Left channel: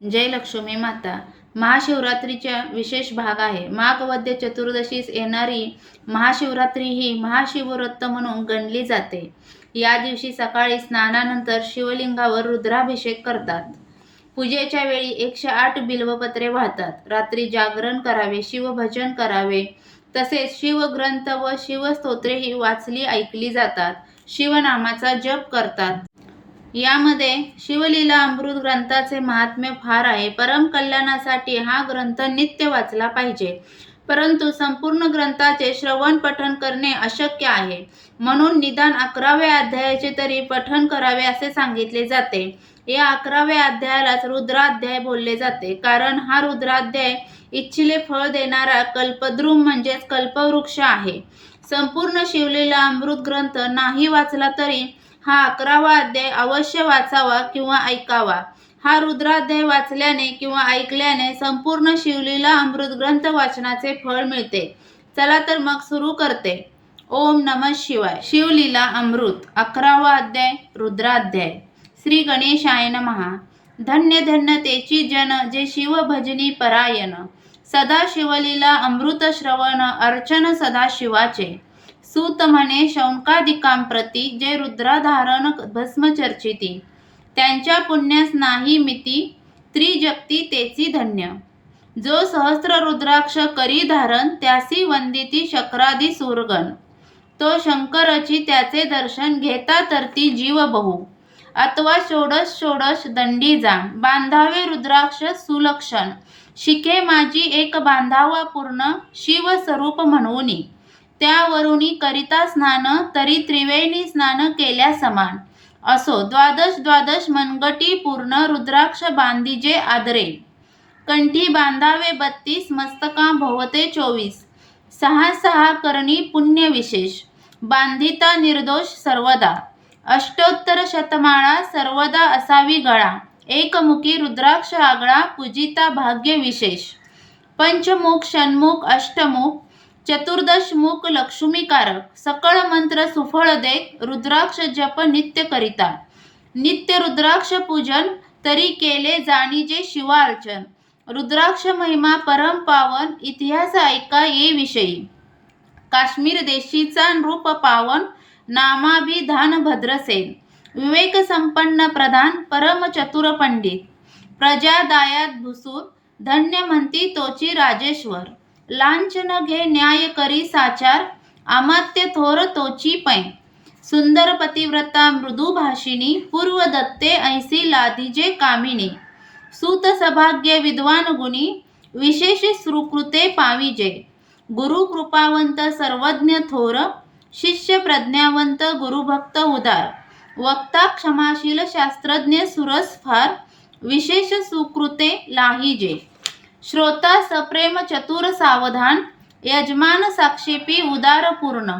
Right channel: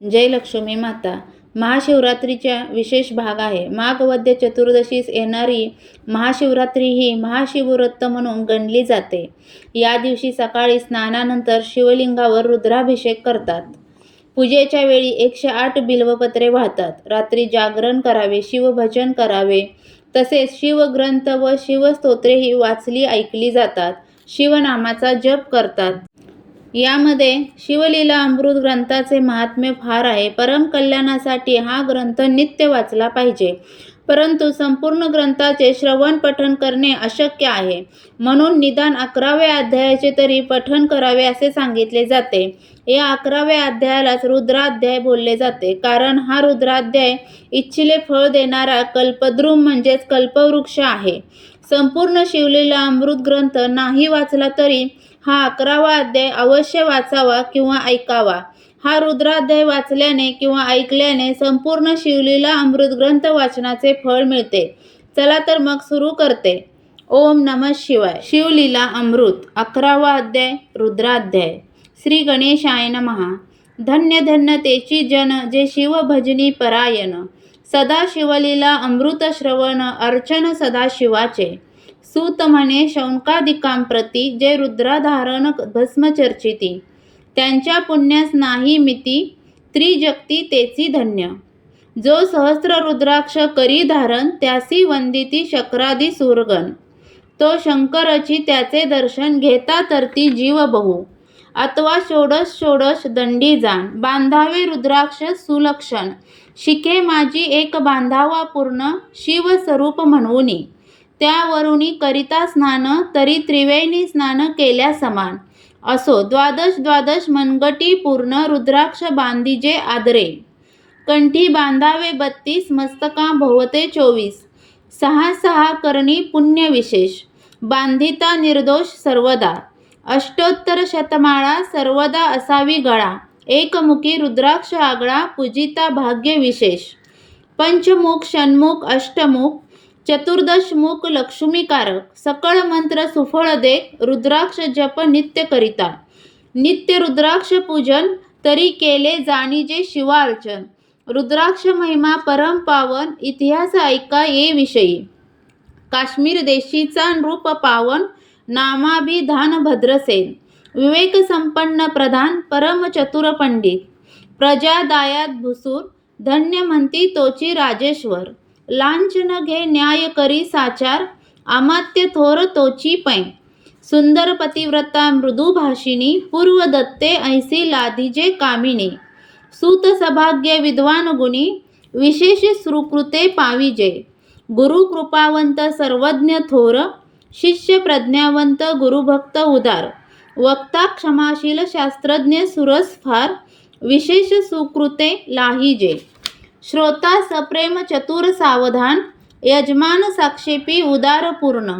जय लक्ष्मी माता. महाशिवरात्रीचा विशेष भाग आहे. माघ वद्य चतुर्दशीस येणारी महाशिवरात्री ही महाशिवव्रत म्हणून गणली जाते. या दिवशी सकाळी स्नानानंतर शिवलिंगावर रुद्राभिषेक करतात. पूजेच्या वेळी 108 बिल्वपत्रे वाहतात. रात्री जागरण करावे, शिवभजन करावे, तसेच शिवग्रंथ व शिवस्तोत्रेही वाचली ऐकली जातात. शिवनामाचा जप करतात. यामध्ये शिवलीला अमृत ग्रंथाचे महात्म्य फार आहे. परम कल्याणासाठी हा ग्रंथ नित्य वाचला पाहिजे. परंतु संपूर्ण ग्रंथाचे श्रवण पठण करणे अशक्य आहे. म्हणून निदान 11व्या अध्यायाचे तरी पठण करावे असे सांगितले जाते. या 11व्या अध्यायालाच रुद्राध्याय बोलले जाते. कारण हा रुद्राध्याय इच्छिले फळ देणारा कल्पद्रुम म्हणजेच कल्पवृक्ष आहे. संपूर्ण शिवलीला अमृत ग्रंथ नाही वाचला तरी हा 11वा अध्याय अवश्य वाचावा किंवा ऐकावा. हा रुद्राध्याय वाचल्याने किंवा ऐकल्याने संपूर्ण शिवलीला अमृत ग्रंथ वाचनाचे फळ मिळते. चला तर मग सुरू करते. ओम नमः शिवाय. शिवलीला अमृत 11वा अध्याय रुद्राध्याय. श्री गणेशाय नमः. धन्य धन्य तेची जन जे शिव भजनी परायण. सदा शिवलीला अमृत श्रवण अर्चन सदा शिवाचे. सूत म्हणे शौनकादिकांप्रती जे रुद्राधारण भस्म चर्चिती. त्यांच्या पुण्यास नाही मिती त्रिजगती तेची धन्य. जो सहस्र रुद्राक्ष करी धारण त्यासी वंदिती शक्रादी सूरगण. तो शंकरची त्याचे दर्शन घेता तरती जीव बहु. अथवा षोडश षोडश दंडी जाण बांधावे रुद्राक्ष सुलक्षण. शिखे माझी एक बांधावा पूर्ण शिवस्वरूप म्हणूनी. त्यावरुनी करिता स्नान तरी त्रिवेणी स्नान केल्या समान. असो द्वादश द्वादश मनगटी पूर्ण रुद्राक्ष बांधिजे आदरे. कंठी बांधावे 32 मस्तका भोवते 24. 6 करणी पुण्य विशेष. बांधिता निर्दोष सर्वदा. अष्टोत्तर शतमाळा सर्वदा असावी गळा. एकमुखी रुद्राक्ष आगळा पूजिता भाग्य विशेष. पंचमुख षण्मुख अष्टमुख चतुर्दश मुख लक्ष्मीकारक. सकळ मंत्र सुफळ दे रुद्राक्ष जप नित्य करिता. नित्य रुद्राक्ष पूजन तरी केले जाणीजे शिवार्चन. रुद्राक्ष महिमा परम पावन इतिहास ऐका ये विषयी. काश्मीर देशीचा नृप पावन नामाभिधान भद्रसेन. विवेक संपन्न प्रधान परम चतुर पंडित. प्रजा दायात भुसूर धन्य म्हणती तोची राजेश्वर. लांछन घे न्याय करी साचार अमात्य थोर तोची पै. सुंदर पतिव्रता मृदू भाषिणी पूर्व दत्ते ऐसी लाधिजे कामिनी. सूत सभाग्य विद्वान गुणी विशेष सुकृते पाविजे. गुरु कृपावंत सर्वज्ञ थोर शिष्य प्रज्ञावंत गुरुभक्त उदार. वक्ता क्षमाशील शास्त्रज्ञ सुरस फार विशेष सुकृते लाहिजे. श्रोता सप्रेम चतुर सावधान यजमान साक्षेपी उदार पूर्ण.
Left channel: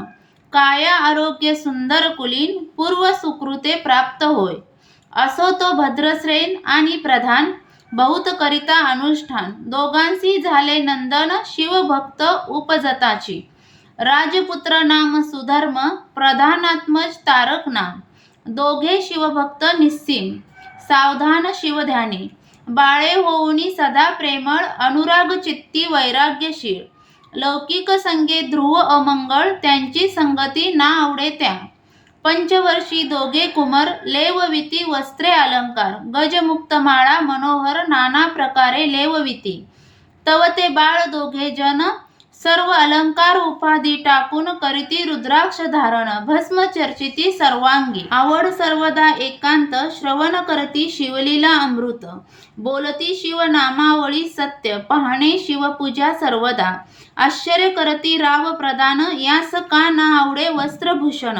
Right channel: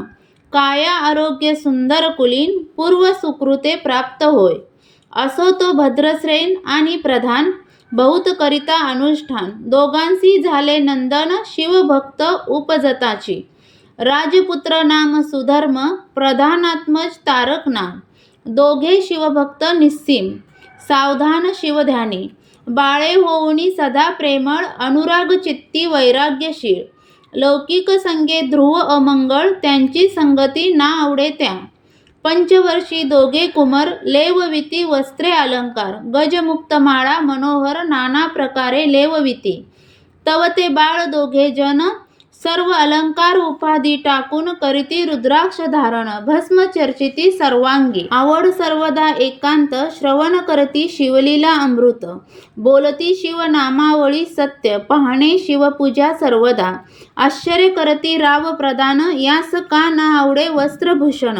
काया आरोग्य सुंदर कुलीन पूर्व सुकृते प्राप्त होय. असो तो भद्रश्रेण आणि प्रधान बहुत करिता अनुष्ठान. दोघांसी झाले नंदन शिवभक्त उपजताची. राजपुत्र नाम सुधर्म प्रधानात्मज तारक नाम. दोघे शिवभक्त निस्सीम सावधान शिवध्यानी. बाळे होऊनी सदा प्रेमळ अनुराग चित्ती वैराग्यशील. लौकिक संगे ध्रुव अमंगळ त्यांची संगती ना आवडे त्या. पंचवर्षी दोघे कुमार लेवविती वस्त्रे अलंकार. गजमुक्त माळा मनोहर नाना प्रकारे लेवविती. तव ते बाळ दोघे जन सर्व अलंकार उपाधी टाकून करीती रुद्राक्ष धारण भस्म चर्चिती सर्वांगी. आवड सर्वदा एकांत श्रवण करती शिवलीला अमृत. बोलती शिव नामावळी सत्य पाहणे शिवपूजा सर्वदा. आश्चर्य करती राव प्रदान यास का ना आवडे वस्त्रभूषण.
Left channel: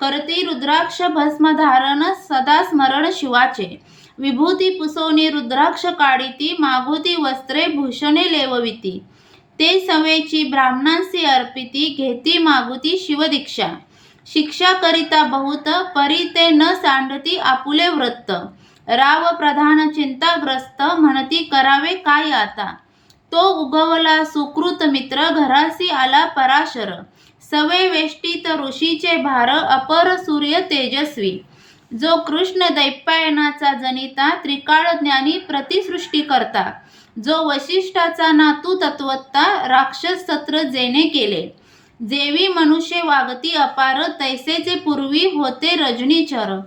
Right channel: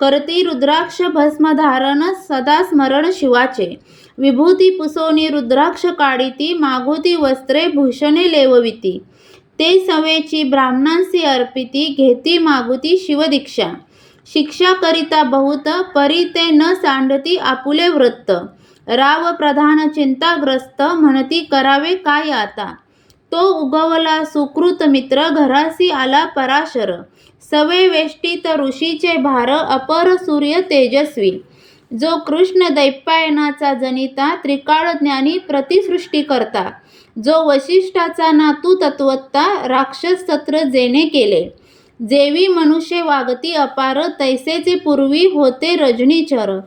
करती रुद्राक्ष भस्म धारण सदा स्मरण शिवाचे. विभूती पुसोनी रुद्राक्ष काढिती मागुती वस्त्रे भूषणे लेवविती. ते सवेची ब्राह्मणांसी अर्पिती घेती मागुती शिवदीक्षा. शिक्षा करिता बहुत परी ते न सांडती आपुले व्रत. राव प्रधान चिंताग्रस्त म्हणती करावे काय आता. तो उगवला सुकृत मित्र घरासी आला पराशर. सवे वेष्टीत ऋषीचे भार अपर सूर्य तेजस्वी. जो कृष्ण दैपायनाचा जनिता, त्रिकाळज्ञानी प्रतिसृष्टी करता, जो वसिष्ठाचा नातू तत्वत्ता, राक्षस सत्र जेने केले, जेवी मनुष्य वागती अपार, तैसेचे पूर्वी होते रजनीचर,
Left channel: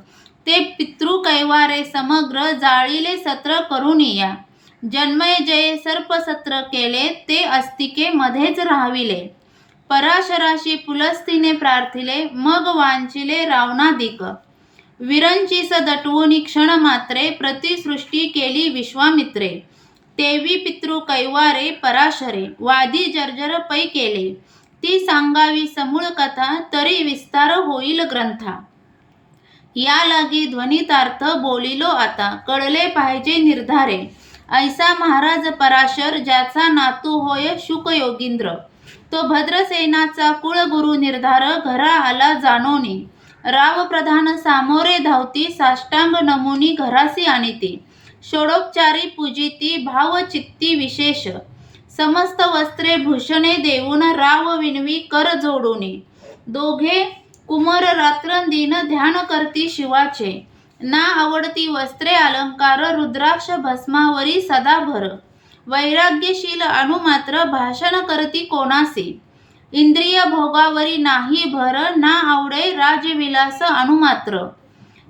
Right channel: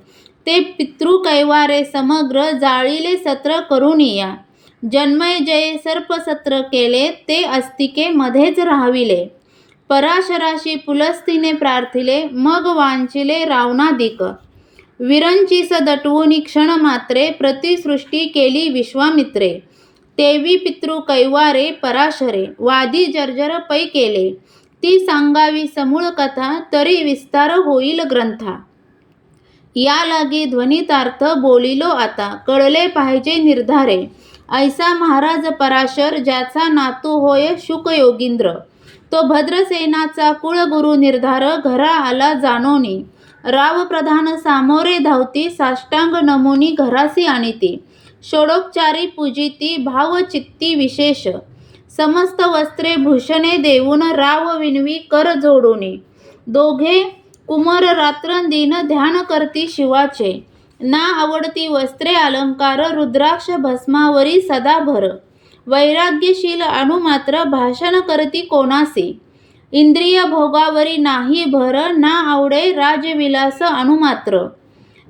ते पितृ कैवारे समग्र, जाळीले सत्र करुनिया, जन्मय जय सर्पसत्र केले, ते अस्तिके मध्येच राहाविले, पराशराशी पुलस्तीने प्रार्थिले, मग वांचिले रावणादिक, विरंचीस दटवूनी क्षण मात्रे, प्रतिसृष्टी केली विश्वामित्रे, तेवी पितृ कैवारे पराशरे, वादी जर्जर पै केले, ती सांगावी समूळ कथा, तरी विस्तार होईल ग्रंथा, या लागी ध्वनितार्थ बोलिलो आता, कळले पाहिजे निर्धारे, ऐसा महाराज पराशर, ज्याचा नातू होय शुक योगींद्र, तो भद्रसेनाचा कुळगुरु निर्धार, घरा आला जानोनी, राव प्रधान सामोरे धावती, साष्टांग नमुनी घरासी आणिती, षोडोपचारी पूजिती, भाव चित्ती विशेष, समस्त वस्त्रे भूषणे देऊन, राव विणवी कर जोडूनी, दोघे कुमर रात्रंदिन ध्यान करती शिवाचे, ना आवडती वस्त्रे अलंकार, रुद्राक्ष भस्मावरी सदा भर, वैराग्यशील अनुमात्र भाषण करती कोणासी, इंद्रिय भोगावरी नाही भर, ना आवडे राजविलास अनुमात्र,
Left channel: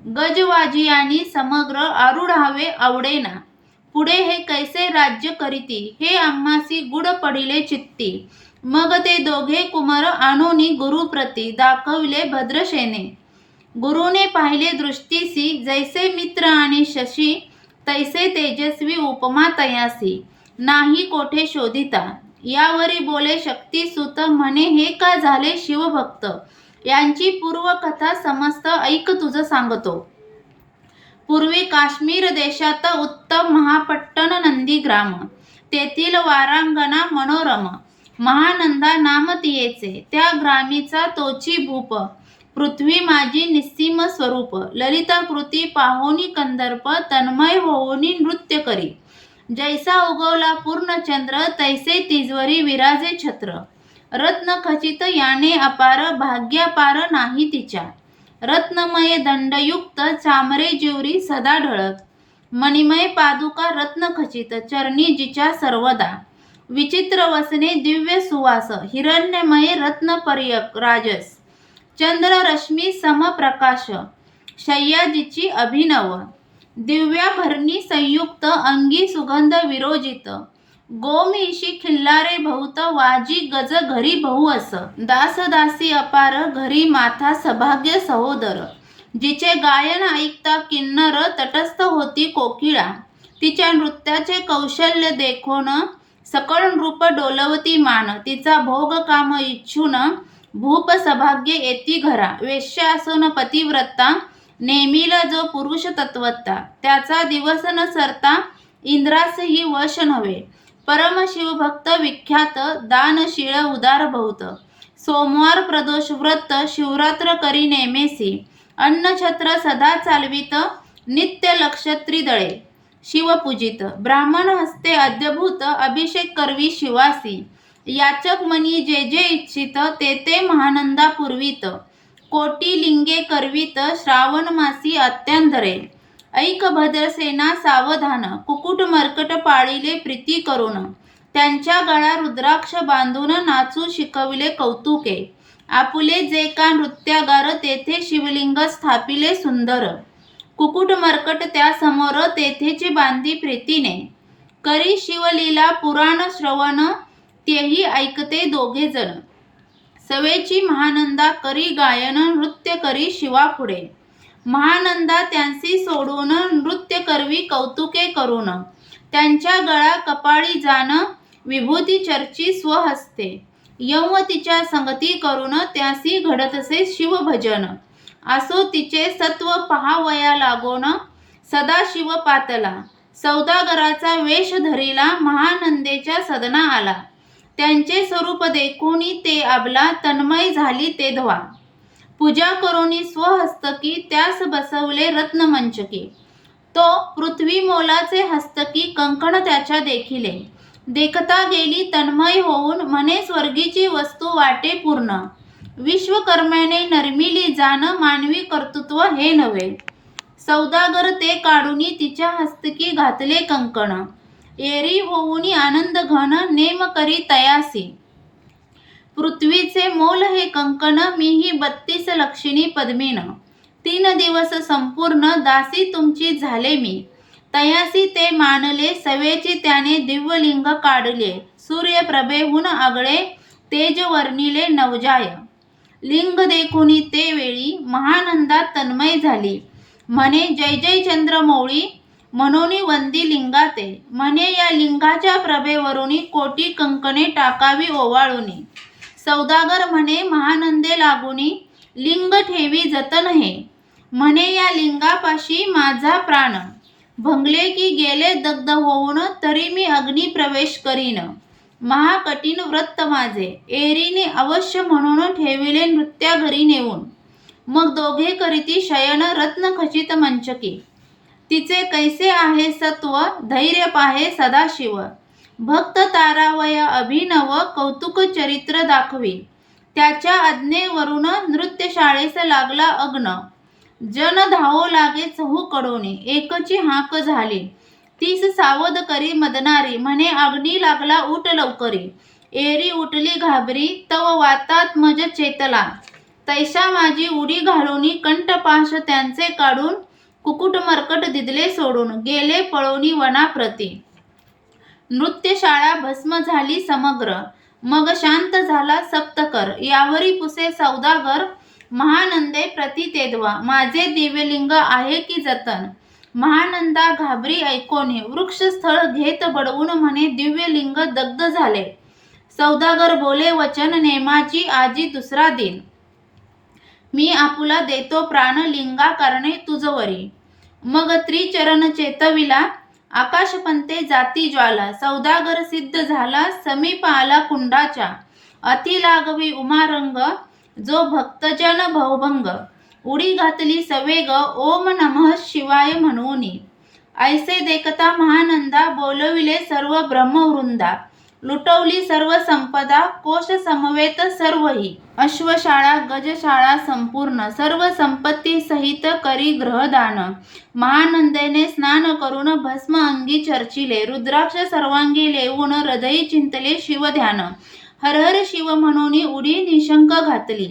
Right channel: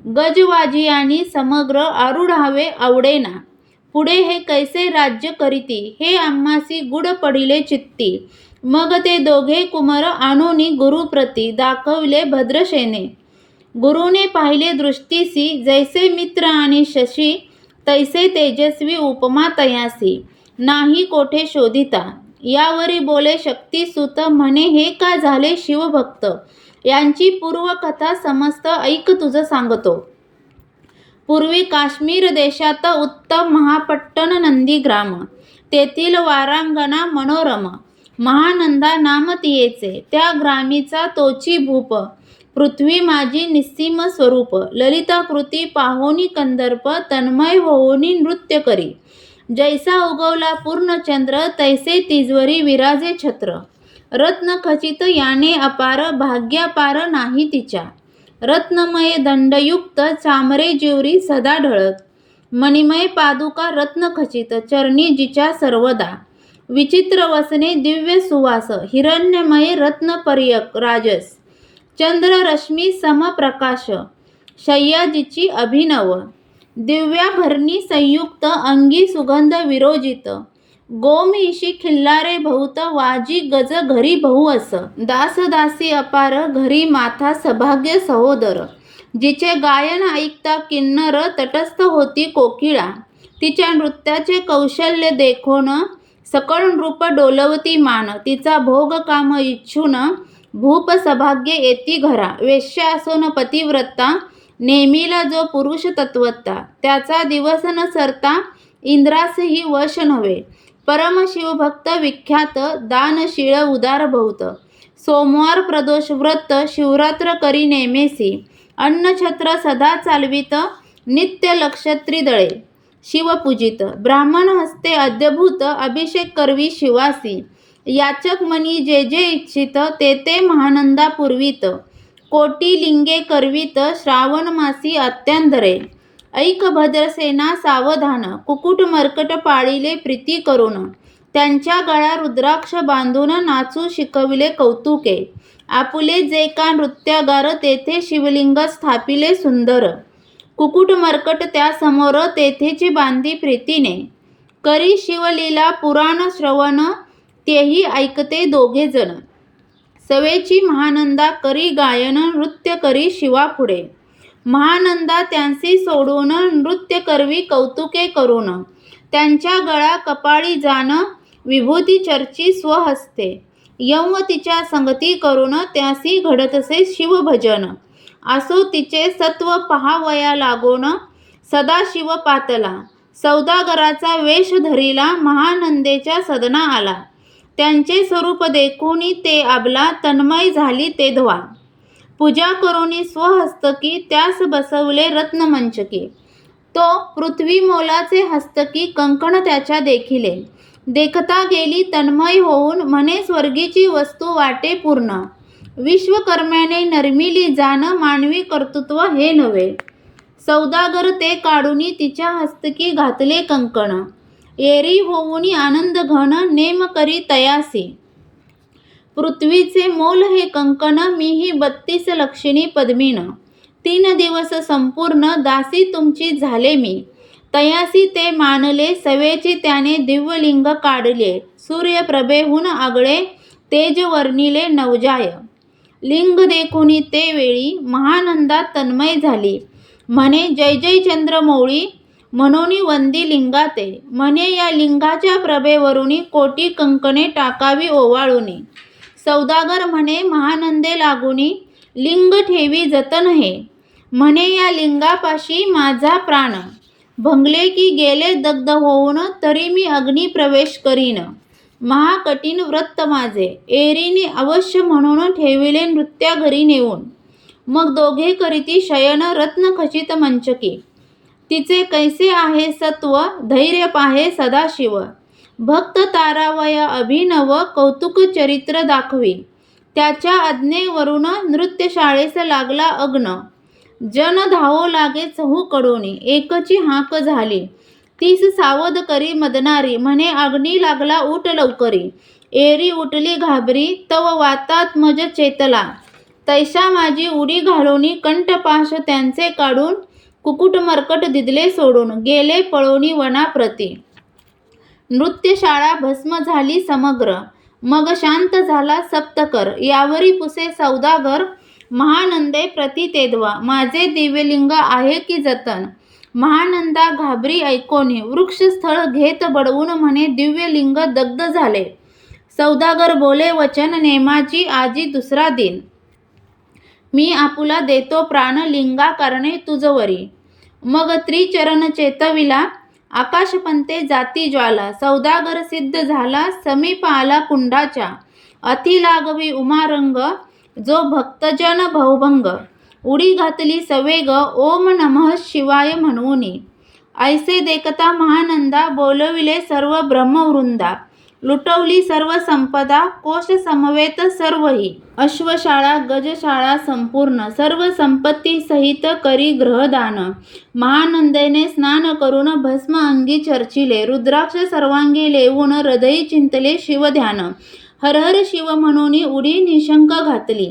गजवाजियानी समग्र आरूढावे आवडेना, पुढे हे कैसे राज्य करीती, हे आम्हासी गुड पडिले चित्ती, मग ते दोघे कुमार आणूनी गुरुप्रती, दाखविले भद्रसेने, गुरुने पाहिले दृष्टीसी, जैसे मित्र आणि शशी, तैसे तेजस्वी उपमा तयासी, नाही कोठे शोधिता, यावरी बोले शक्तिसुत, म्हणे हे का झाले शिवभक्त, यांची पूर्वकथा समस्त ऐक तुझ सांगतो. पूर्वी काश्मीर देशात उत्तम महापट्टण नंदीग्राम, तेथील वारांगणा मनोरम, महानंदा नाम तियेचे, त्या ग्रामीचा तोची भूप, पृथ्वी माझी निस्सीम स्वरूप, ललिताकृती पाहोनी कंदर्प, तन्मय होऊनी नृत्य करी, जैसा उगवला पूर्णचंद्र, तैसे तिजवरी विराजे छत्र, रत्न खचित याने अपार, भाग्यापार नाही तिच्या, रत्नमय दंडयुक्त चामरे जिवरी सदा ढळत, मणिमय पादुका रत्न खचित, चरणी जिच्या सर्वदा, विचित्र वसने दिव्य सुवास, हिरण्यमय रत्नपर्यक राजस, चंद्र रश्मी समप्रकाश, शय्या जिची अभिनव, दिव्याभरणी संयुक्त, अंगी सुगंध विरोजित, गोमहिषी खिल्लारे बहुत, वाजी गज घरी बहुअस, दासदासी अपार, घरी माथा सभाग्य सहोदर, जिचे गायन ऐकता किन्नर, तटस्थ होती कोकिळा, तिच्या नृत्याचे कौशल्य देखोन, सकळ नृप डोलवती मान, तिचा भोग काम इच्छून, भूप सभाग्य येती घरा, वेश्या असून पतिव्रता, नेमीला जो पुरुष तत्वता, त्याचा दिवस न सरता, इंद्रासही वश नव्हे, परमशिवभक्त विख्यात, दानशीळ उदार बहुत, सोमवार प्रदोष व्रत, शिवरात्र करी नेमेसी, अन्नछत्र सदा चालवित, नित्य लक्षत्री दळे, शिवपूजित, ब्राह्मण हस्ते अद्यभूत, अभिषेक करवी शिवासी, याचक मनी जे जे इच्छित, ते ते महानंदा पुरवित, कोटी लिंगे करवित, श्रावण मासी अत्यांधरे, ऐक भद्रसेना सावधान, कुकुट मर्कट पाळिले प्रीती करून, त्यांच्या गळा रुद्राक्ष बांधून, नाचू शिकविले कौतुके, आपुले जे का नृत्यागार, तेथे शिवलिंग स्थापिले सुंदर, कुकुट मर्कट त्या समोर, तेथेची बांधी प्रीतीने, करी शिवलीला पुराण श्रवण, तेही ऐकते दोघे जण, सवेची महानंदा करी गायन, नृत्य करी शिवापुढे, महानंदा त्यांसी सोडून, नृत्य करवी कौतुके करून, त्यांच्या गळा कपाळी जान, विभूती चर्ची स्वहस्ते, यंव तिच्या संगती करून, त्यासी घडतसे शिवभजन, असो तिचे सत्व पहावया लागोन, सदा शिव पातला, सौदागराचा वेश धरिला, महानंदेच्या सदना आला, त्यांचे स्वरूप देखुनी ते आबला, तन्मय झाली तेधवा, पूजा करोनी स्वहस्तकी, त्यास बसवले रत्नमंचकी, तो पृथ्वी मोलाचे हस्तकी, कंकण त्याच्या देखिले, देखता गेली तन्मय होऊन, म्हणे स्वर्गीची वस्तू वाटे पूर्ण, विश्वकर्म्याने नरमिली जाण, मानवी कर्तृत्व हे नव्हे, सौदागर ते काढूनी तिच्या हस्तकी घातले कंकण, एरी होऊनी आनंद घन नेम करी तयासी, पृथ्वीचे मोल हे कंकण मीही 32 लक्षणी पद्मिन, 3 दिवस संपूर्ण दासी तुमची झाले मी, तयासी ते मानले सवेची त्याने दिव्यलिंग काढले, सूर्यप्रभेहून आगळे तेज वर्णिले नवजाय, लिंग देखुनी ते वेळी महानंदात तन्मय झाली, म्हणे जय जय चंद्रमौळी म्हणून वंदी लिंगाते, म्हणे या लिंगाच्या प्रभेवरुनी कोटी कंकणे टाकावी ओवाळूनी, सौदागर म्हणे महानंदे लागुनी लिंग ठेवी जतन हे, म्हणे या लिंगापाशी माझा प्राण, भंगले की गेले दग्ध होऊन तरी मी अग्नी प्रवेश करीन, महाकठीण व्रत माझे एरीने अवश्य म्हणून ठेविले नृत्या घरी नेऊन, मग दोघे करीती शयन रत्नखचित मंचकी, तिचे कैसे आहे सत्व धैर्य पाहे सदाशिव, भक्त तारावय अभिनव कौतुक चरित्र दाखवी, त्याच्या आज्ञेवरून नृत्यशाळेस लागला अग्न, जन धावो लागे चहूकडूनी एकची हाक झाली, 30 सावध करी मदनारी म्हणे अग्नी लागला उठ लवकरी, एरी उठली घाबरी तव वातात्मज चेतला, तैसा माझी उडी घालूनी कंठपाश त्यांचे काढून, कुकुट मर्कट दिदले सोडून गेले पळोनी वनाप्रती, नृत्यशाळा भस्म झाली समग्र, मग शांत झाला सप्तकर, यावरी पुसे सौदागर महानंदे प्रति तेदवा, माझे दिव्यलिंग आहे की जतन, महानंदा घाबरी ऐकोनी वृक्षस्थळ घेत बडवून म्हणे दिव्यलिंग दग्ध झाले, सौदागर बोले वचन नेमाची आजी दुसरा दिन, मी आपुला देतो प्राण लिंगा कारणे तुझवरी, मग त्रिचरण चेतविला आकाशपंते जाती ज्वाला, सौदागर सिद्ध झाला समीप आला कुंडाच्या, अति लागवी उमारंग जो भक्तजन भवभंग, उडी घातली सवेग ओम नमः शिवाय म्हणूनी, ऐसे देखता महानंदा बोलविले सर्व ब्रह्मवृंदा, लुटवली सर्व संपदा कोश समवेत सर्वही, अश्वशाळा गजशाळा संपूर्ण सर्व संपत्ती सहित करी ग्रहदान, महानंदेने स्नान करून भस्म अंगी चर्चिले, रुद्राक्ष सर्वांगी लेवून हृदयी चिंतले शिवध्यान, हर हर शिव म्हणून उडी निशंक घातली,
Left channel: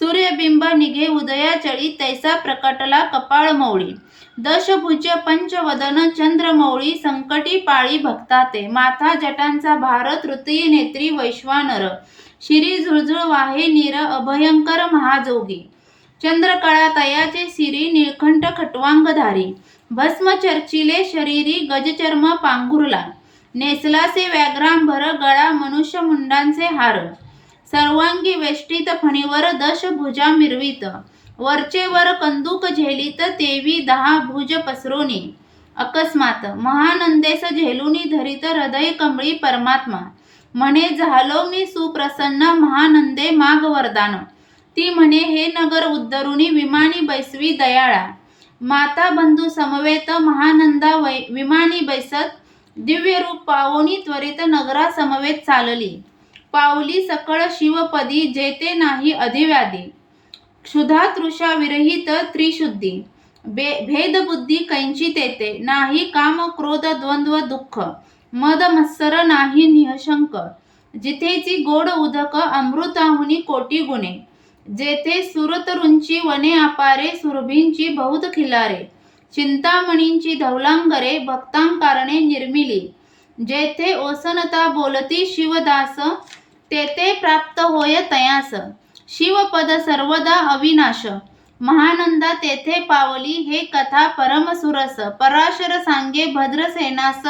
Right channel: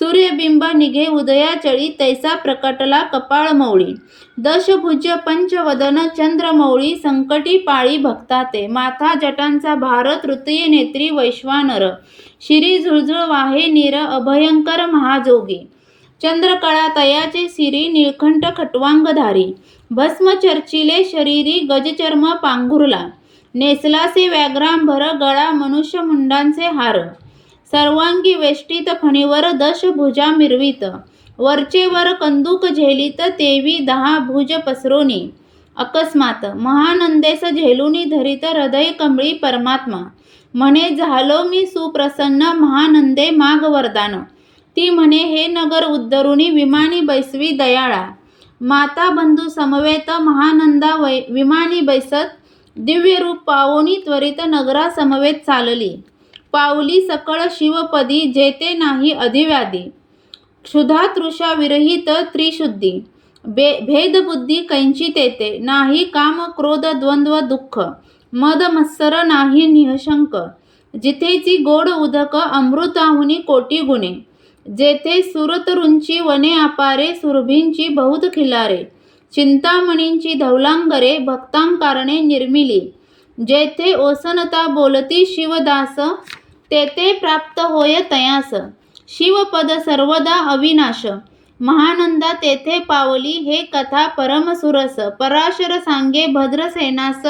सूर्यबिंब निघे उदयाचळी तैसा प्रकटला कपाळमौळी, दशभुज पंचवदन चंद्रमौळी संकटी पाळी भक्ताते, माथा जटांचा भार तृतीय नेत्री वैश्वानर, शिरी झुळझुळ वाहे नीर अभयंकर महाजोगी, चंद्रकळा तयाचे सिरी निळकंठ खटवांगधारी, भस्म चर्चिले शरीरी गजचर्म पांघुरला, नेसलासे व्याघ्रांभर गळा मनुष्य मुंडांचे हार, सर्वांगी वेष्टीत फणीवर दशभुजा मिरवीत, वरचे वर कंदूक झेलीत तेवी 10 भुज पसरोनी, अकस्मात महानंदेस झेलुनी धरित हृदय कमळी परमात्मा, म्हणे झालो मी सुप्रसन्न महानंदे माग वरदान, ती म्हणे हे नगर उद्धरुनी विमानी बैसवी दयाळा, माता बंधू समवेत महानंदा विमानी बैसत, दिव्य रूप पावोनी त्वरित नगरा समवेत चालली, पावली सकळ शिवपदी जेते नाही अधिव्याधी, क्षुधा तृषा विरहित त्रिशुद्धी, भेदबुद्धी कैंची तेते, नाही काम क्रोध द्वंद्व दुःख, मद मत्सर नाही निःशंक, जिथेची गोड उदक अमृताहुनी कोटी गुणे, जेथे सुरतरुंची वने अपारे सुरभींची बहुत खिलारे, चिंतामणींची धवलांगरे भक्तांकारणे निर्मिली, जेथे ओसनता बोलती शिवदास तेथे प्राप्त होय तयास, शिवपद सर्वदा अविनाश, महानंदा तेथे पावली हे कथा परमसुरस, पराशर सांगे भद्रसेनास,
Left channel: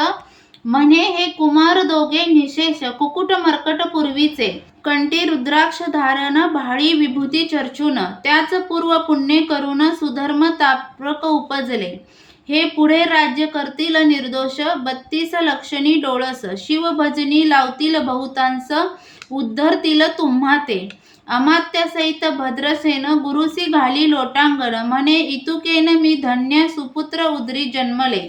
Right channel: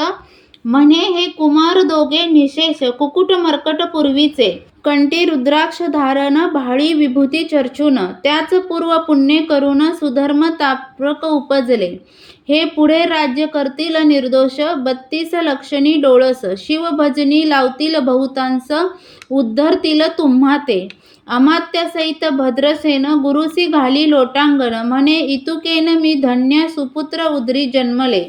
म्हणे हे कुमार दोघे निशेष कुकुट मर्कट पूर्वीचे, कंठी रुद्राक्ष धारण भाळी विभूती चर्चून, त्याच पूर्व पुण्य करून सुधर्म ताप्रक उपजले, हे पुढे राज्य करतील निर्दोष 32 लक्षणी डोळस, शिवभजनी लावतील बहुतांस उद्धरतील तुम्हा ते, अमात्यासहित भद्रसेन गुरुसी घाली लोटांगण, म्हणे इतुकेन मी धन्य सुपुत्र उदरी जन्मले,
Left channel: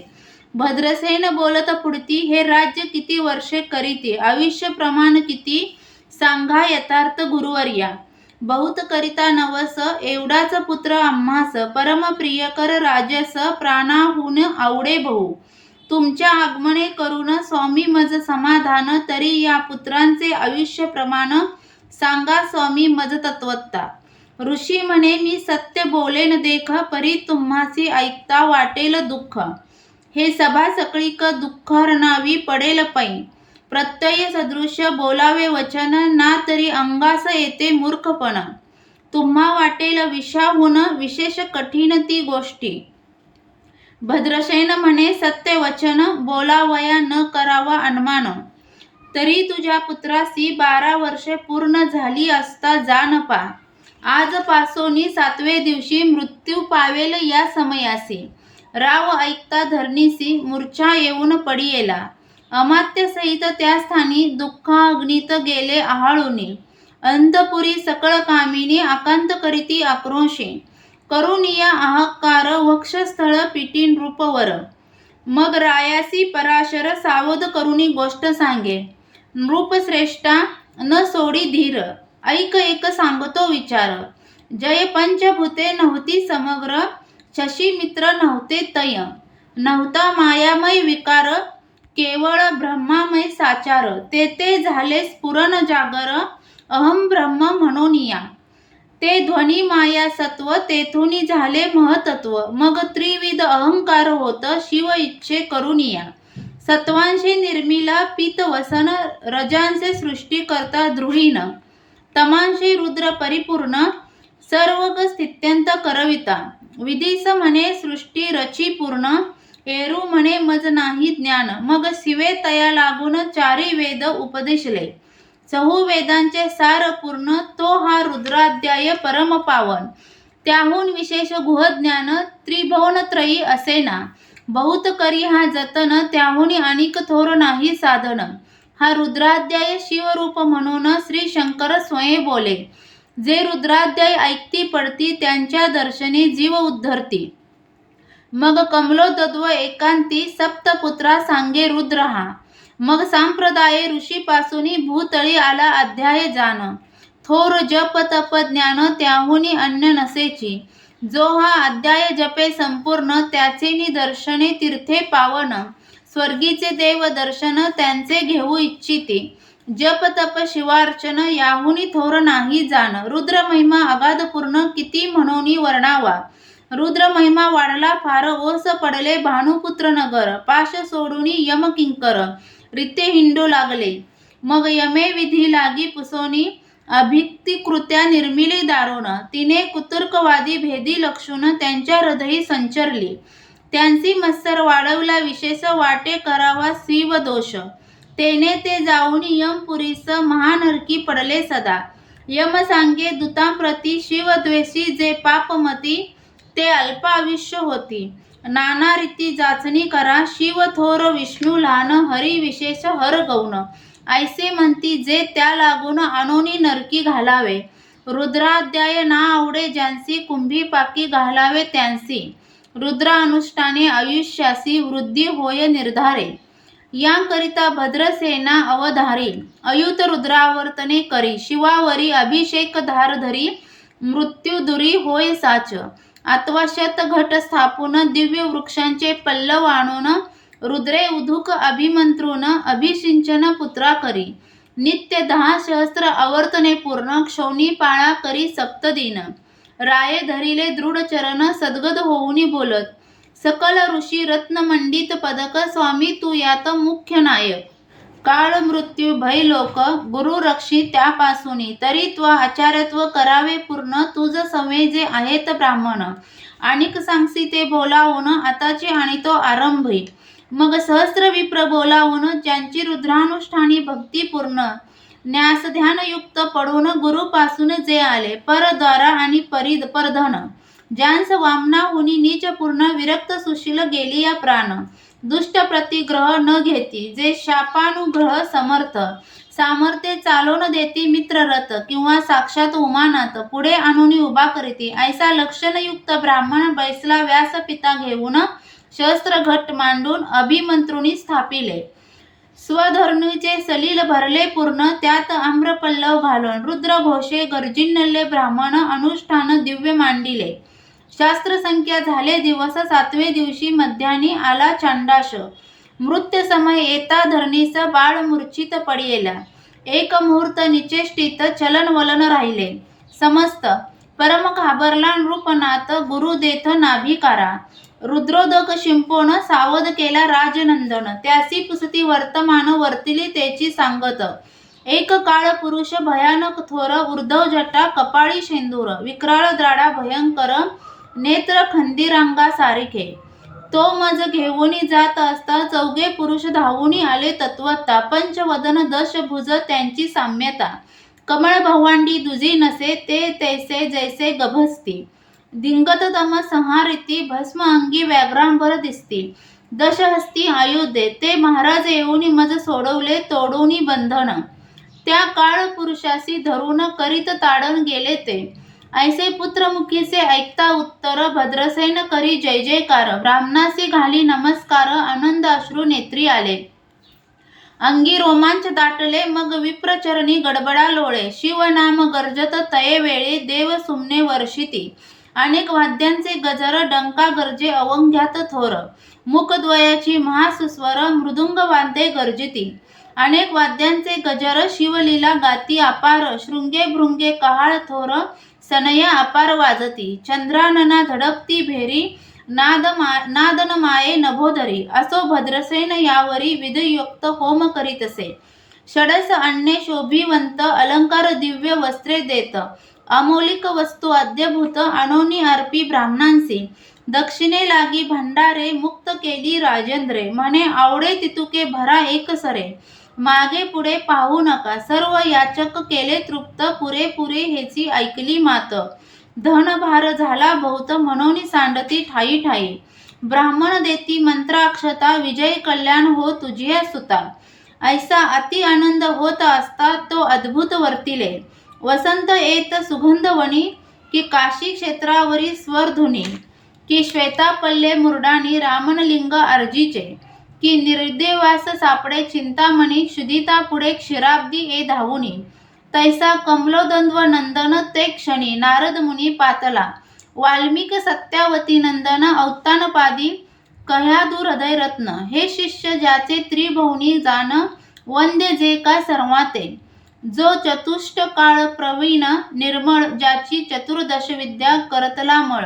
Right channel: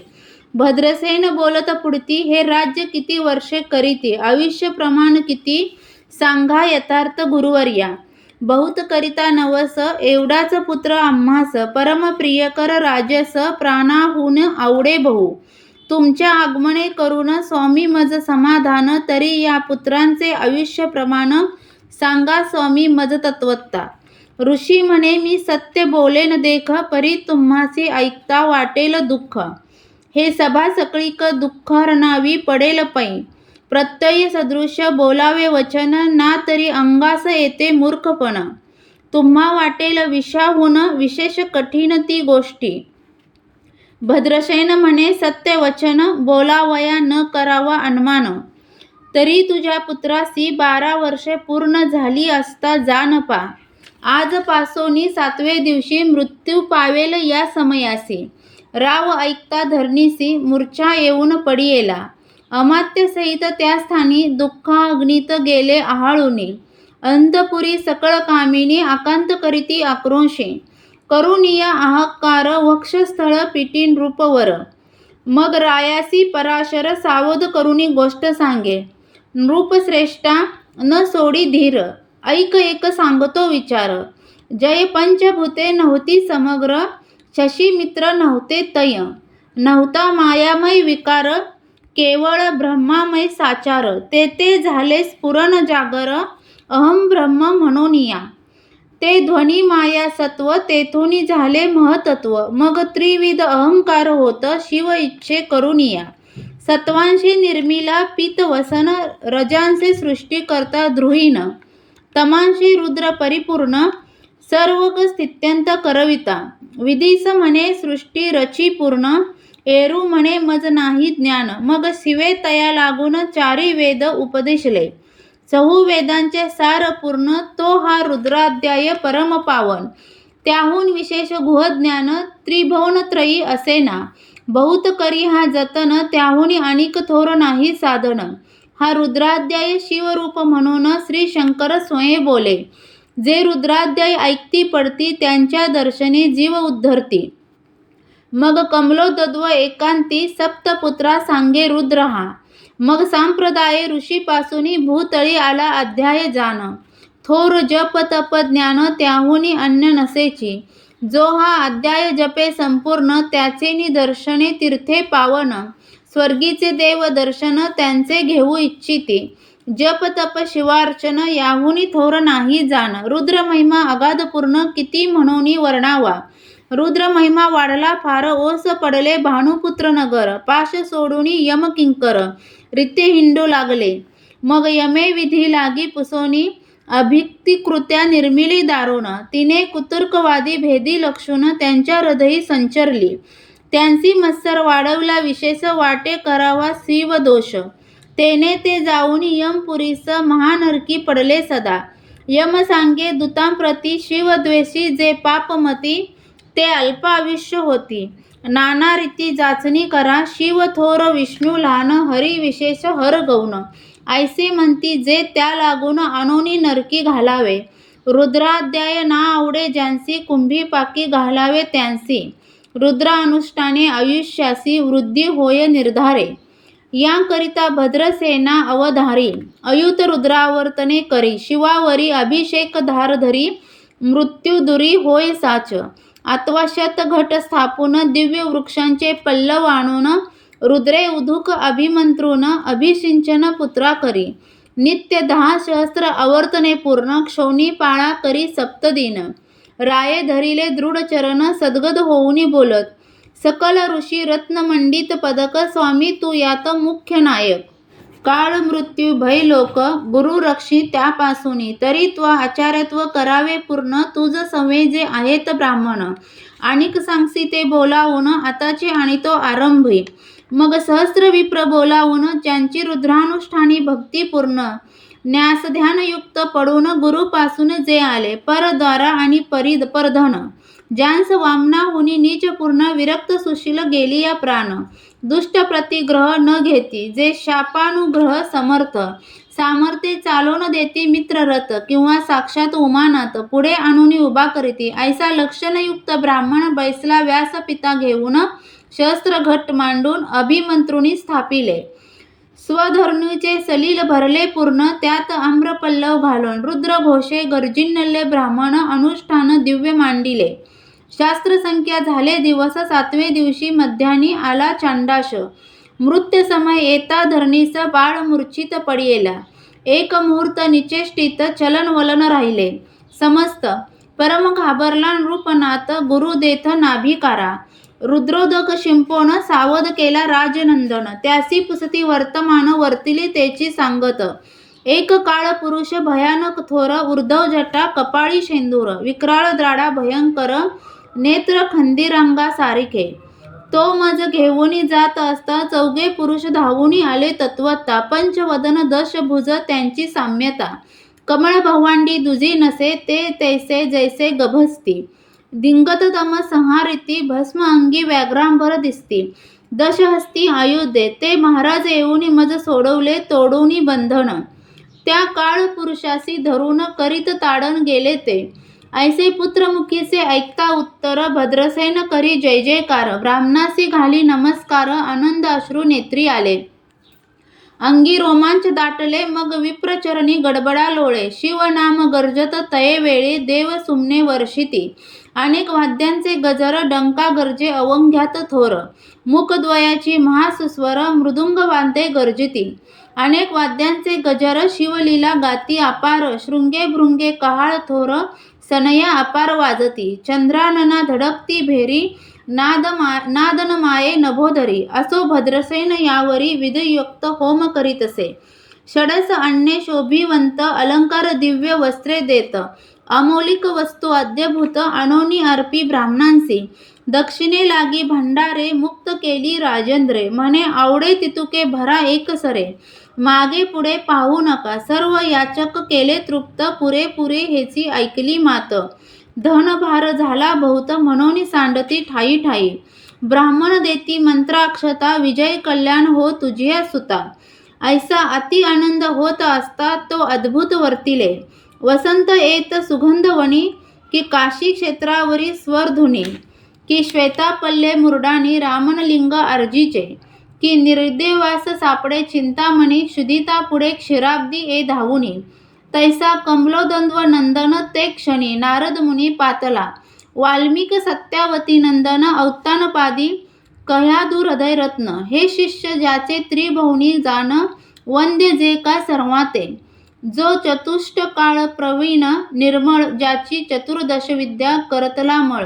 भद्रसेन बोलत पुढती हे राज्य किती वर्षे करीती, आयुष्य प्रमाण किती सांगा यथार्थ गुरुवर्या, बहुत करिता नवस, एवढाच पुत्र आम्हास, परमप्रिय कर राजस, प्राणाहून आवडे बहु. तुमच्या आगमने करून स्वामी मज समाधान, तरी या पुत्रांचे आयुष्य प्रमाण सांगा स्वामी मज तत्वता. ऋषी म्हणे मी सत्य बोलेन देख, परी तुम्हासी ऐकता वाटेल दुःख. हे सभा सकळीक दुःख हरणावी पडेल पै. प्रत्यय सदृश्य बोलावे वचन, ना तरी अंगास येते मूर्खपण. तुम्हा वाटेल विषाहून विशेष कठीण ती गोष्टी. भद्रसेन म्हणे सत्य वचन, बोलावया न करावा अनुमान. तरी तुझ्या पुत्रासी 12 वर्षे पूर्ण झाली असता जाण पा. आज पासोनी 7व्या दिवशी मृत्यू पावेल या समयासी. राव ऐकता धरणीसी मूर्छा येऊन पडियेला. अमात्य सहित त्या स्थानी दुःखाग्नीत गेले आहाळूनी. अंतपुरी सकळ कामिनी आकांत करीती आक्रोशे. करुनिया आहाकार वक्षस्थळ पिटी नृपवर. मग रायासी पराशर सावध करुनी गोष्ट सांगे. नृपश्रेष्ठा न सोडी धीर, ऐक एक सांगतो विचार. जय पंचभूते नव्हती समग्र, शशी मित्र नव्हते तय. नव्हता मायामय विकार, केवळ ब्रह्मामय साचार. तेथे झाले स्फुरण जागर, अहम ब्रह्म म्हणूनिया. ते ध्वनी माया सत्व, तेथुनी झाले महतत्व. मग त्रिविध अहंकार होत शिव इच्छे करुनिया. सत्वांशी निर्मिला पीतवसन, रजांचे सृष्टी करता द्रुहीन. तमांशी रुद्र परिपूर्ण, सर्वग स्थित्यंत करविता. विधीस म्हणे सृष्टी रची पूर्ण, एरू म्हणे मज नाही ज्ञान. मग शिवे तया लागून चारी वेद उपदेशले. चहू वेदांचे सार पूर्ण, तो हा रुद्राध्याय परम पावन. त्याहून विशेष गुह ज्ञान, त्रिभुवनत्रयी असेना. बहुत करी हा जतन, त्याहून अनिक थोर नाही साधन. हा रुद्राध्याय शिवरूप म्हणून श्री शंकर स्वयं बोले. जे रुद्राध्याय ऐकती पडती, त्यांच्या दर्शनी जीव उद्धरती. मग कमलोद्भव एकांती, सप्तपुत्रा सांगे रुद्र हा. मग संप्रदाय ऋषीपासूनी भूतळी आला अध्याय जाण. थोर जप तप ज्ञान, त्याहुनी अन्य नसेची. जो हा अध्याय जपे संपूर्ण, त्याचे निदर्शने तीर्थे पावन. स्वर्गीचे देव दर्शन, त्यांचे घेऊ इच्छिते. जप तप शिवार्चन, याहुनी थोर नाही जाण. रुद्र महिमा अगाध पूर्ण, किती म्हणूनी वर्णावा. रुद्र महिमा वाढला फार, ओस पडले भानुपुत्र नगर. पाश सोडूनी यम किंकर, रित्ये हिंडू लागले. मग यमे विधी लागी पुसोनी, अभिक्तिकृत्या निर्मिली दारुण. तिने कुतर्कवादी भेदी लक्षून, त्यांच्या हृदयी संचरली. त्यांची मत्सर वाढवला विशेष, वाटे करावा शिव दोष. तेने ते जाऊन यमपुरीस, महानरकी पडले सदा. यम सांगे दूतांप्रती, शिवद्वेषी जे पापमती. ते अल्पायुष्य होती, नाना रीती जाचणी करा. शिव थोर विष्णू लहान, हरी विशेष हर गौण. ऐसे म्हणती जे त्या लागून, आणोनी नरकी घालावे. रुद्राध्याय ना आवडे ज्यांसी, कुंभी पाकी घालावे त्यांसी. रुद्र अनुष्ठाने आयुष्यासी, वृद्धी होय निर्धारे. यांकरिता भद्रसेना अवधारी, अयुत रुद्रावर्तने करी. शिवावरी अभिषेक धार धरी, मृत्यू दुरी होय साच. अथवा शतघट स्थापून, दिव्य वृक्षांचे पल्लव आणून. रुद्रे उदुक अभिमंत्रून, अभिषिंचन पुत्रा करी. नित्य 10 सहस्त्र आवर्तने पूर्ण, क्षौनी पाळा करी सप्तदिन. राये धरिले दृढ चरण, सद्गद होऊनी बोलत. सकल ऋषी रत्नमंडित पदक, स्वामी तू यात मुख्य नायक. काळ मृत्यू भय लोक, गुरु रक्षी त्यापासूनी. तरी त्वा आचार्यत्व करावे पूर्ण, तुझ सवे जे आहेत ब्राह्मण. आणिक सांगसी ते बोलावून, आताची आणितो आरंभी. मग सहस्र विप्र बोलावून, ज्यांची रुद्रानुष्ठानी भक्ती पूर्ण. न्यास ध्यानयुक्त पडून, गुरुपासून जे आले. परद्वारा आणि परधन, ज्यांस वामनाहुनी नीच पूर्ण. विरक्त सुशील गेलिया प्राण, दुष्ट प्रतिग्रह न घेती. जे शापानुग्रह समर्थ, सामर्थ्ये चालवून देती मित्ररथ. किंवा साक्षात उमानाथ, पुढे आणूनी उभा करीती. ऐसा लक्षणयुक्त ब्राह्मण बैसला व्यासपिता घेऊन. सहस्त्र घट मांडून, अभिमंत्रुनी स्थापिले. स्वधर्मीचे सलील भरले पूर्ण, त्यात आम्रपल्लव घालून. रुद्रघोषे गर्जिनले ब्राह्मण, अनुष्ठान दिव्य मांडिले. शास्त्रसंख्या झाले दिवस, 7वे दिवशी मध्यानी आला चांडाश. मृत्यू समय येता धरणीस, बाळ मूर्छित पडियेला. एक मुहूर्त निचेष्टित, चलन वलन राहिले समस्त. परम घाबरला नृपनाथ, गुरु देथ नाभिकारा. रुद्रोदक शिंपोन, सावध केला राजनंदन. त्यासी पुसती वर्तमान, वर्तिली तेची सांगत. एक काळ पुरुष भयानक थोर, ऊर्ध्व जटा कपाळी शेंदूर. विक्राळ द्राडा भयंकर, नेत्र खंदिरांगा सारिखे. तो मज घेऊनी जात असता, चौघे पुरुष धावूनी आले तत्वता. पंचवदन दशभुज त्यांची साम्यता. कमळ भवांडी दुजी नसे, ते तैसे जैसे गभस्ती. दिंगत तम संहारिती, भस्म अंगी व्याघ्रांबर दिसती. दशहस्ती आयुधे, ते महाराज येऊनी मज सोडवले तोडूनी बंधन. त्या काळ पुरुषासी धरून, करीत ताडण गेले ते. ऐसे पुत्रमुखीचे ऐकता उत्तर, भद्रसेन करी जय जयकार. ब्राह्मणासी घाली नमस्कार, आनंद अश्रू नेत्री आले. अंगी रोमांच दाटले, मग विप्रचरणी गडबडा लोळे. शिवनाम गर्जत तये वेळी, देव सुमने वर्षिती. अनेक वाद्यांचे गजर, डंका गर्जे अवंघ्यात थोर. मुखद्वयाची महासुस्वर, मृदुंग वाद्ये गर्जिती. अनेक वाद्यांचे गजर, शिवलीला गाती अपार. शृंगे भृंगे कहाळ थोर, सनया अपार वाजती. चंद्रानना धडकती भेरी, नादन माये नभोधरी. असो भद्रसेन यावरी, विधियुक्त होम करीतसे. षडस अन्ये शोभिवंत, अलंकार दिव्य वस्त्रे देत. अमौलिक वस्तू अद्यभूत, अनोनी अर्पी ब्राह्मणांसी. दक्षिणे लागी भंडारे, मुक्त केली राजेंद्रे. म्हणे आवडे तितुके भरा एकसरे, मागे पुढे पाहू नका. सर्व याचक केले तृप्त, पुरेपुरे हेची ऐकली मात. धनभार झाला बहुत, म्हणून सांडती ठायी ठायी. ब्राह्मण देती मंत्राक्षता, विजय कल्याण हो तुझ्या सुता. ऐसा अति आनंद होत असता, तो अद्भुत वर्तिले. वसंत येत सुगंधवनी, की काशी क्षेत्रावरी स्वरधुनी. की श्वेतापल्ले मुरडानी, रामनलिंग अर्जीचे. की निर्देवास सापडे चिंतामणी, क्षुदिता पुढे क्षीराब्दी ए धावुनी. तैसा कमलोद्वंद्व नंदन, ते क्षणी नारद मुनी पातला. वाल्मिक सत्यावती नंदन, औत्तानपादी कह्यादूर हृदयरत्न. हे शिष्य ज्याचे त्रिभुवनी जाण, वंद्य जे का सर्वाते. जो चतुष्ट काळ प्रवीण निर्मळ, ज्याची चतुर्दश विद्या करतला मळ.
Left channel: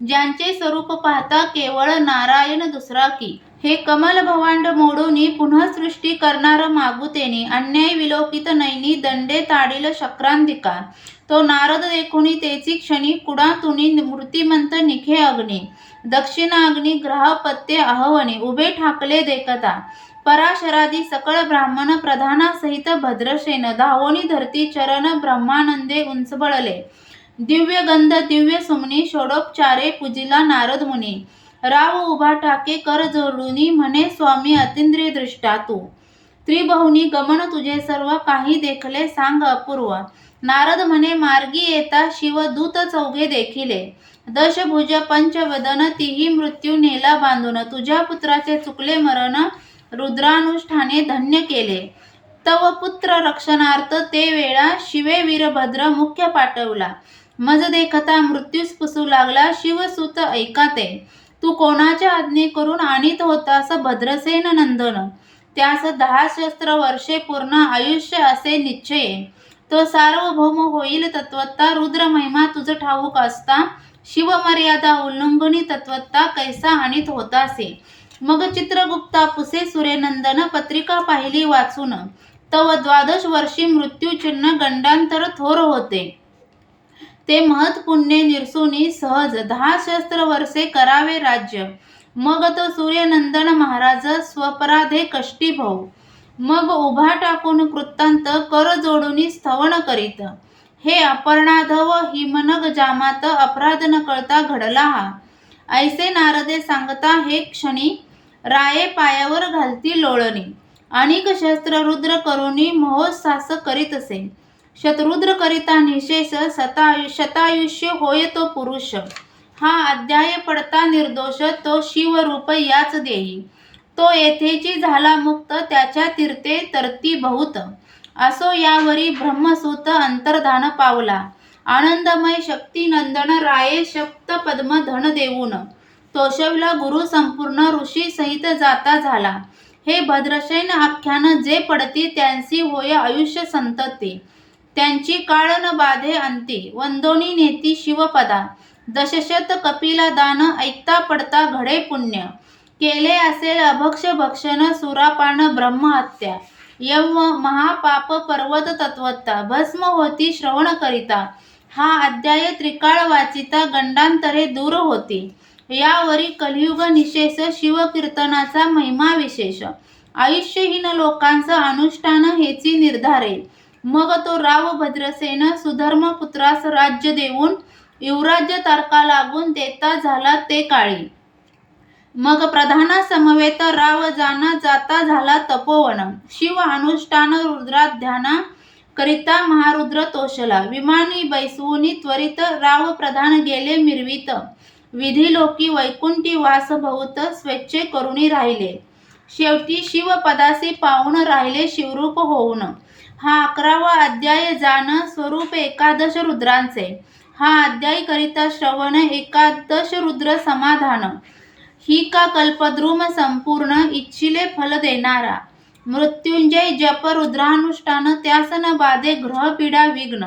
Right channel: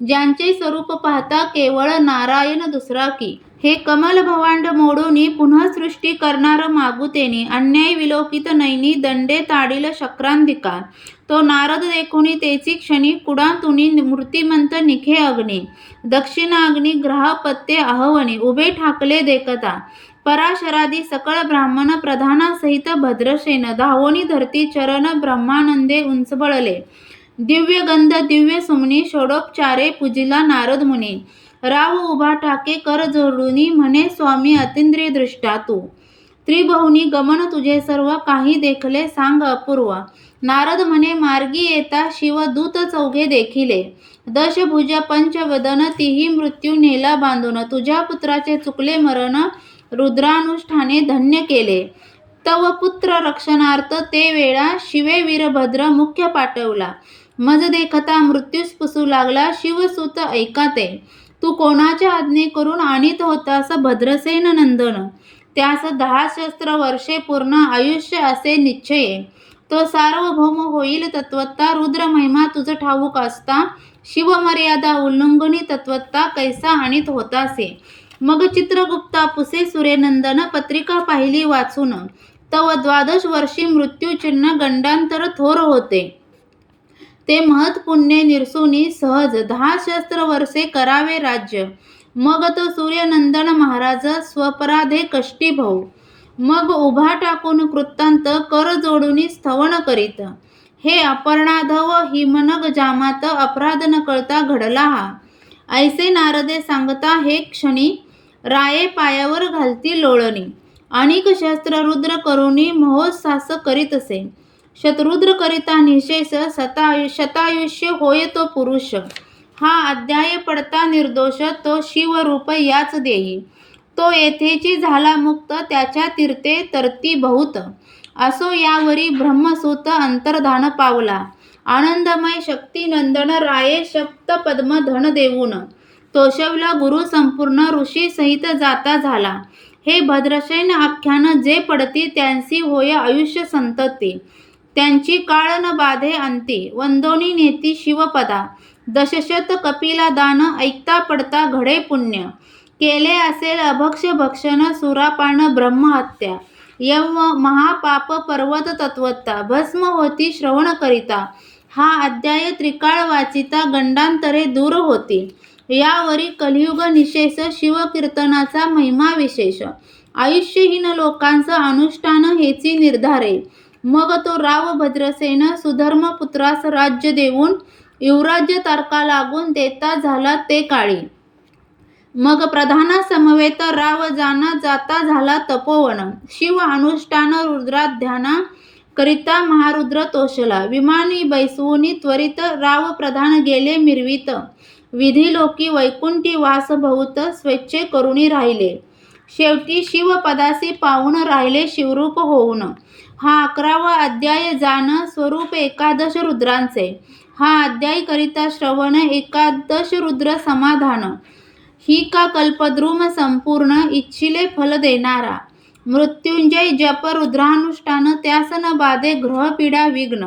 ज्यांचे स्वरूप पाहता केवळ नारायण दुसरा की. हे कमल भवांड मोडूनी, पुन्हा सृष्टी करणार मागुतेनी. अन्याय विलोकित नैनी, दंडे ताडील शक्रांधिका. तो नारद देखुनी तेची क्षणी, कुडातुनी मूर्तिमंत निखे अग्नी. दक्षिणाग्नी ग्रहपत्ये अहवनी, उभे ठाकले देखता. पराशरादी सकळ ब्राह्मण, प्रधानासहित भद्रसेन. धावोनी धरती चरण, ब्रह्मानंदे उंचबळले. दिव्य गंध दिव्य सुमनी, षोडोपचारे पूजिला नारद मुनी. राव उभा ठाके कर जोडूनी, म्हणे स्वामी अतींद्रिय दृष्टा तू. त्रिभुवनी गमन तुझे सर्व, काही देखले सांग अपूर्व. नारद म्हणे मार्गी येता, शिवदूत चौघे देखिले. दशभुज पंचवदन, तीही मृत्यू नेला बांधून. तुझ्या पुत्राचे चुकले मरण, रुद्रानुष्ठाने धन्य केले. तव पुत्र रक्षणार्थ ते वेळा, शिवे वीरभद्र मुख्य पाठवला. मज देखता मृत्यूस पुसू लागला, शिवसुत ऐकाते. तू कोणाच्या आज्ञे करून आणीत होतास भद्रसेन नंदन. त्यास 10 शस्त्र वर्षे पूर्ण आयुष्य असे निश्चये. तो सार्वभौम होईल तत्वता, रुद्र महिमा तुझ ठाऊक असता. शिवमर्यादा उल्लंघनी तत्वता, कैसा आणीत होतासे. मग चित्रगुप्ता पुसे सूर्यनंदन, पत्रिका पाहिली वाचून. तव 12 वर्षी मृत्यूचिन्ह, गंडांतर थोर होते. ते महत् पुण्ये निरसुनी, सहज 10 शस्त्र वर्षे करावे राज्य. मग तो सूर्यनंदन महाराज, स्वपराधे कष्टी भाऊ. मग उभा टाकून कृतांत, कर जोडूनी स्तवन करीत. हे अपर्णाधव हिमनग जामात, अपराध न कळता घडला हा. ऐसे नारदे सांगता हे क्षणी, राये पायावर घालती लोळणी. अनेक शस्त्र रुद्र करुणी, महोत्सास करीतसे. शतरुद्र करिता निशेष, शतायुष्य होय तो पुरुष. हा अध्याय पडता निर्दोष, तो शिवरूप याच देई. तो येथेची झाला मुक्त, त्याच्या तीर्थे तरती बहुत. असो यावरी ब्रह्मसूत अंतर्धान पावला, आनंदमय शक्ती नंदन राये सप्तपद्म धन देऊन. तोषवला गुरु संपूर्ण, ऋषी सहित जाता झाला. हे भद्रसेन आख्यान जे पडती, त्यांची होय आयुष्य संतती. त्यांची काळ न बाधे अंती, वंदोनी नेती शिवपदा. दशशत कपिला दान, ऐकता पडता घडे पुण्य. केले असेल अभक्ष भक्षण, सुरापान ब्रह्महत्या. यव महापाप पर्वत तत्वता, भस्म होती श्रवण करिता. हा अध्याय त्रिकाळ वाचिता, गंडांतरे दूर होती. यावरी कलियुग निशेष, शिवकीर्तनाचा महिमा विशेष. आयुष्यहीन लोकांचं अनुष्ठान हेची निर्धारे. मग तो राव भद्रसेन, सुधर्म पुत्रास राज्य देऊन, युवराज्य तारका लागून देता झाला ते काळी. मग प्रधाना समवेत राव जाना, जाता झाला तपोवन. शिव अनुष्ठान रुद्राध्याना करिता महारुद्र तोषला. विमानी बैसवूनी त्वरित, राव प्रधान गेले मिरवीत. विधिलोकी वैकुंठी वास बहुत, स्वेच्छे करुणी राहिले. शेवटी शिवपदासी पावून राहिले शिवरूप होऊन. हा 11वा अध्याय जान, स्वरूप एकादश रुद्रांचे. हा अध्याय करिता श्रवण, एकादश रुद्र समाधान. ही का कल्पद्रुम संपूर्ण, इच्छिले फल देणारा. मृत्युंजय जप रुद्रानुष्ठान, त्यास न बाधे ग्रह पीडा विघ्न.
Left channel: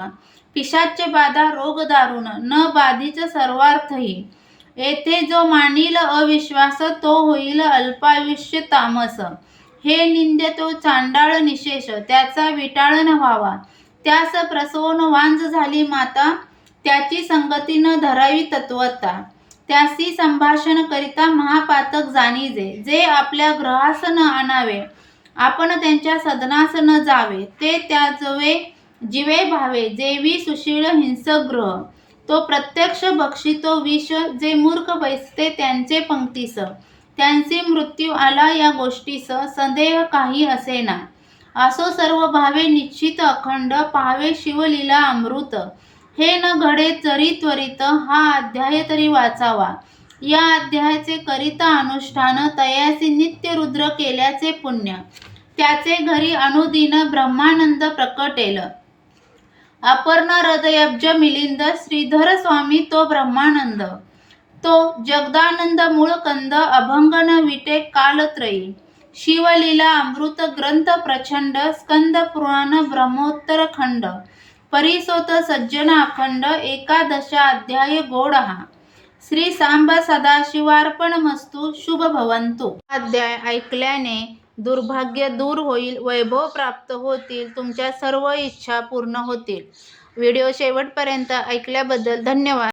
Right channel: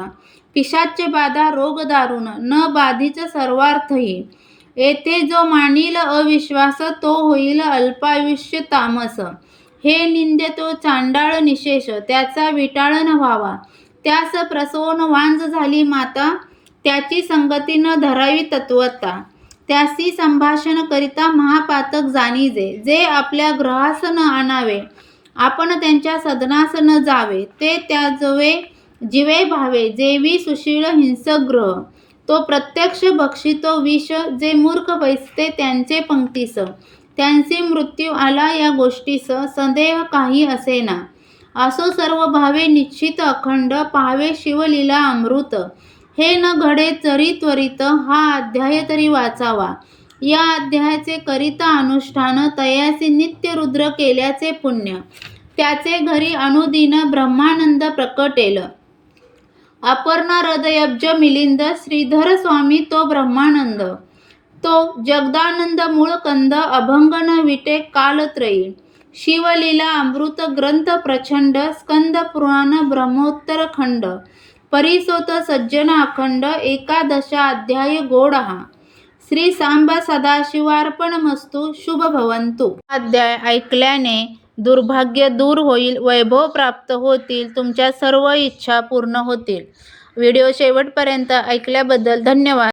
पिशाच्य बाधा रोग दारुण, न बाधीच सर्वार्थही. येथे जो मानील अविश्वास, तो होईल अल्पायुष्य तामस. हे निंद्य तो चांडाळ निशेष, त्याचा विटाळ न व्हावा. त्यास प्रसवून वांज झाली माता, त्याची संगती न धरावी तत्वता. त्यासी संभाषण करिता महापातक जाणीजे. जे आपल्या ग्रहास न आणावे, आपण त्यांच्या सदनास न जावे. ते त्याजवे जीवे भावे, जेवी सुशील हिंसक ग्रह. तो प्रत्यक्ष भक्षितो विष, जे मूर्ख बैसते त्यांचे पंक्तीस. त्यांचे मृत्यू आला या गोष्टीस, संदेह काही असेना. असो सर्व भावे निश्चित अखंड, पाहावे शिवलीला अमृत. हे न घडे जरी त्वरित, हा अध्याय तरी वाचावा. या अध्यायाचे करिता अनुष्ठान, तयासी नित्य रुद्र केल्याचे पुण्य. त्याचे घरी अनुदिन ब्रह्मानंद प्रकटेल. अपर्णा हृदयब्ज मिलिंद, श्रीधर स्वामी तो ब्रह्मानंद. तो जगदानंद मूळ कंद, अभंग न विटे कालत्रयी. शिवलीला अमृत ग्रंथ प्रचंड, स्कंद पुराण ब्रह्मोत्तर खंड. परिसोत सज्जन अखंड, एकादशा अध्याय गोड हा. श्री सांब सदाशिवार्पणमस्तु. शुभ भवंतु. अध्याय ऐकल्याने दुर्भाग्य दूर होईल, वैभव प्राप्त होतील, तुमच्या सर्व इच्छा पूर्ण होतील. व्हिडिओ शेवटपर्यंत ऐकल्याबद्दल धन्यवाद.